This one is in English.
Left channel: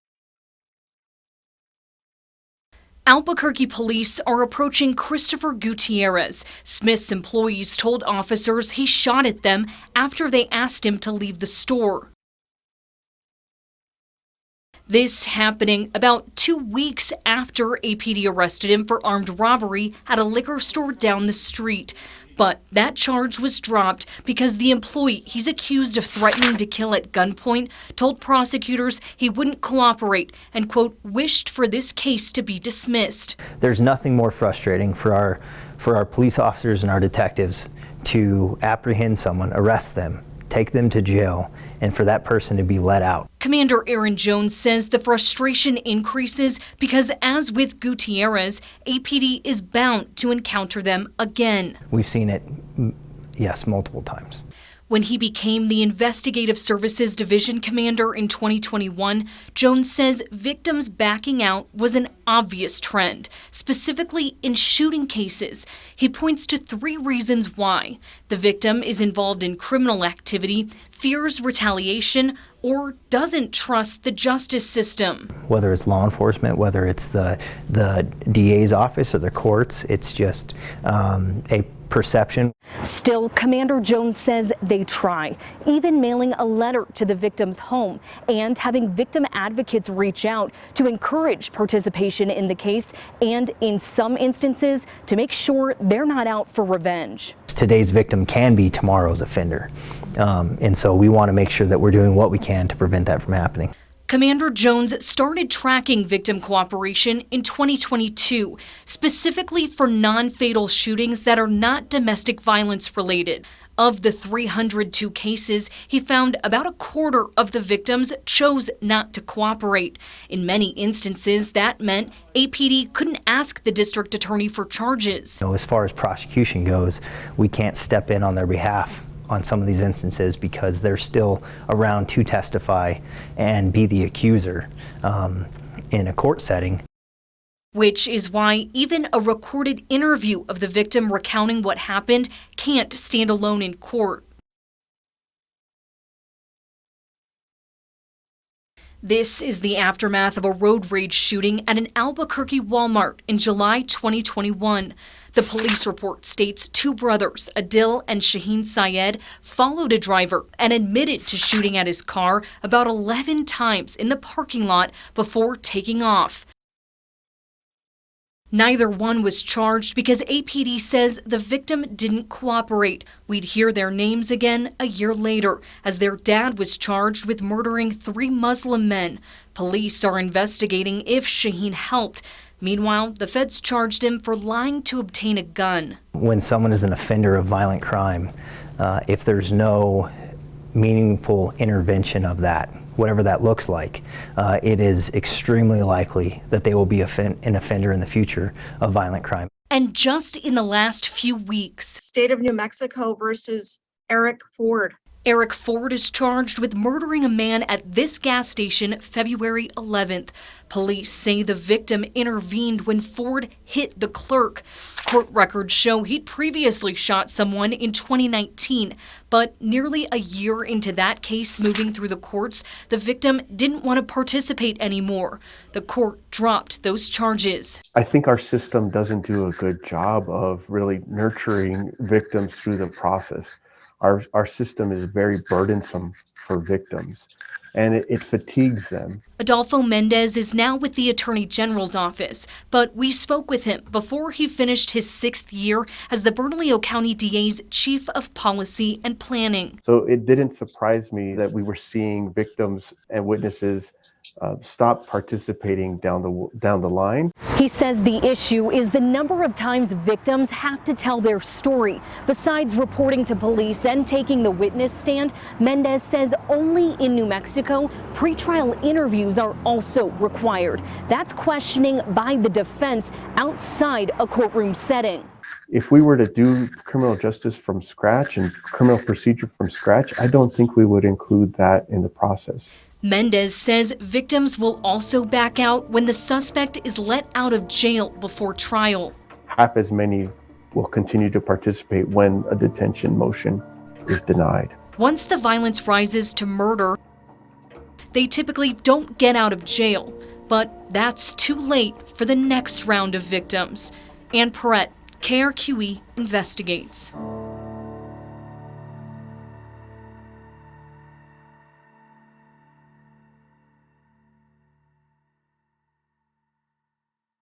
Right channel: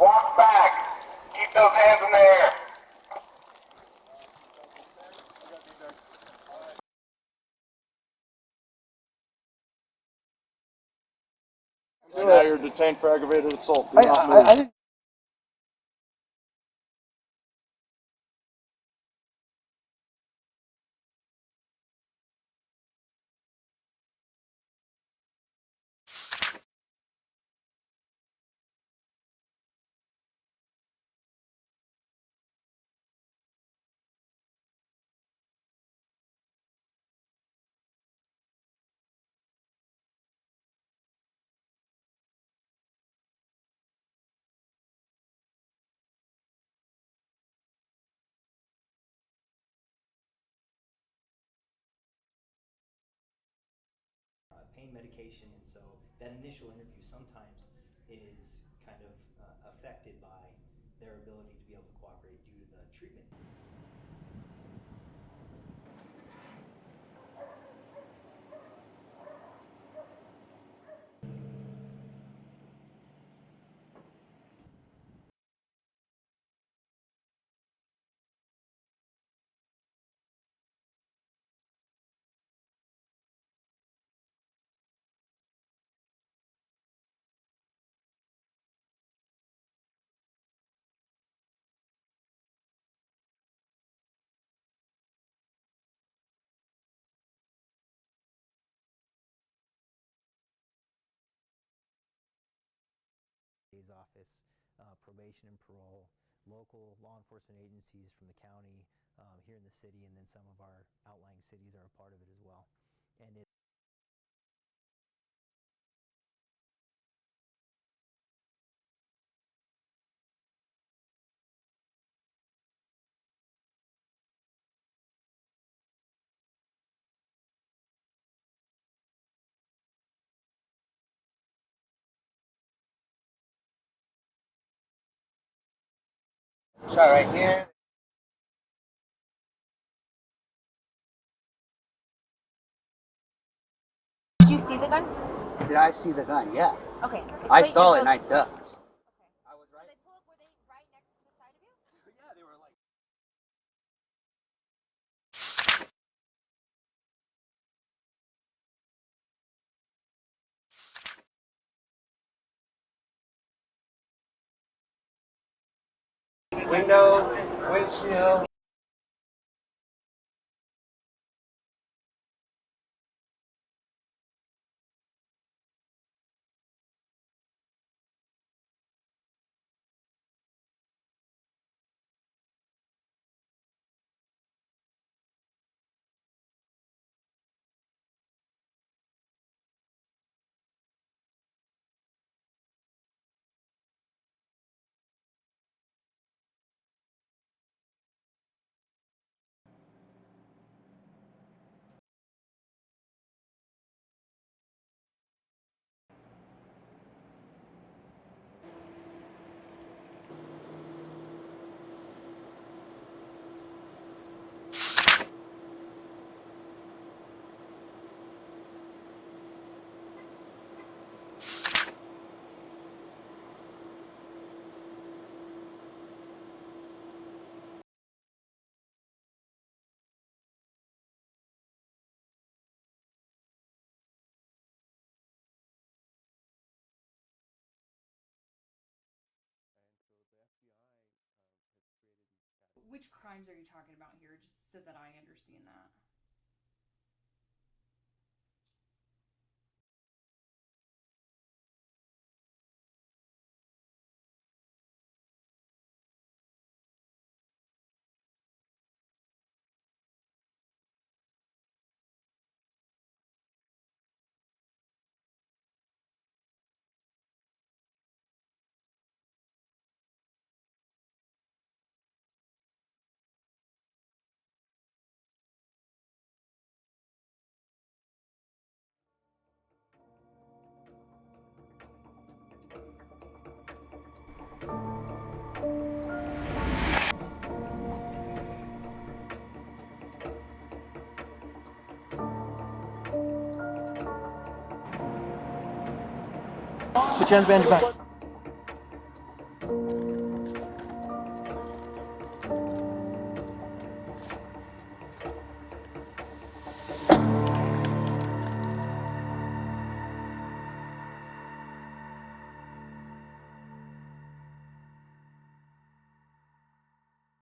Walk back. Keep those hands in the air. Albuquerque police are approaching Christopher Gutiérrez. Smith's employees told officers he shot at them after they asked him to leave the store. Now you're detained for aggravated assault. Do not move. This happening about 2 weeks after APD arrested him for armed robbery at a liquor store down the street. But that charge was dropped because the employee he's accused of threatening to kill at gunpoint told prosecutors he wouldn't cooperate and, quote, wished for this case to be dismissed. There's nothing more frustrating for our police officers and our detectives to apprehend someone, arrest them, take them to jail, and for that person to be let out. Commander Aaron Jones says the frustration increases because, as with Gutiérrez, APD is bound to encounter them again. We've seen it, yes, multiple times. When he became the Investigative Services Division Commander in 2021, Jones says victims backing out was an obvious trend, specifically in shooting cases. He points to 3 reasons why. The victim is involved in criminal activity, fears retaliation, or doesn't trust the justice system. Whether it's law enforcement, whether it's the DA's office or the courts, it's just a perception. Still, Commander Jones says they try, even mailing a letter to the victim's home and having victim advocates reach out to encourage participation in the case and, in some instances, to make sure they're not out for revenge. Today's victim can be tomorrow's offender, and so we want to make sure that we're doing what we can to prevent that from happening. Commander Jones started tracking victim cooperation in 2022, specifically for non-fatal shootings that are not domestic violence related. Of the 302 cases, he found about a quarter of the victims chose not to cooperate. In many instances, that meant APD couldn't ask the district attorney for charges. As far as prosecution goes, we can't step in on their behalf on some of these instances because they're still around to testify and be the accuser in a court setting. Which is why even a recorded interview of the victim recounting what happened can't stand alone in court. Did you see the gun? Did I see the gun? Yeah. Okay. I saw it and I ducked. This is the aftermath of a road rage shooting at an Albuquerque Walmart in July 2021. The police report states 2 brothers, Adil and Shaheen Syed, followed a driver and admitted to shooting at his car about 11 times in the parking lot before taking off. Window, windshield. Neither one was charged because APD says the victim didn't cooperate. We'd hear their names again a year later, as their dad was charged with murdering 3 Muslim men. Police are investigating if Shaheen helped. Meanwhile, the feds charged him for lying to obtain a gun. When someone is an offender of violent crime, if there's no meaningful intervention of that, whatever that looks like, it is extremely likely that they will be an offender in the future of violent crime. And just in the last few weeks, State of New Mexico versus Eric Ford. Eric Ford is charged with murdering a man at this gas station February 11th. Police say the victim intervened when Ford hit the clerk. Court records show he'd previously shot someone in 2019, but nearly a year into that case moving through the courts, the victim didn't want to participate anymore. The court dropped those charges. I think our system doesn't do a good job of really nurturing victims through the process. Our system is very burdensome for victims, and it fatigues them. Adolfo Mendez is now with the Attorney General's office, but we spoke with him before he finished his 6th year as the Bernalillo County DA's Chief of Policy and Planning. So it didn't surprise me that we were seeing victims and witnesses stop participating down the line. He says the issue is the number of times victims have to tell their story. Besides reporting to police and taking the witness stand, Mendez says only in New Mexico, pretrial interviews are also required. That's questioning by the defense outside a courtroom setting. If we were to do criminal justice from scratch and criminal procedure from scratch, I don't think we would include that in the process. Mendez says victims will also back out when the suspect is let out of jail before trial. Half as many will continue to participate when a detention motion is denied. Once the violence rises to murder, Put your hands behind your back. they typically don't get out of jail. But that's too late for the next round of victims. Ann Perrette, KRQE investigates.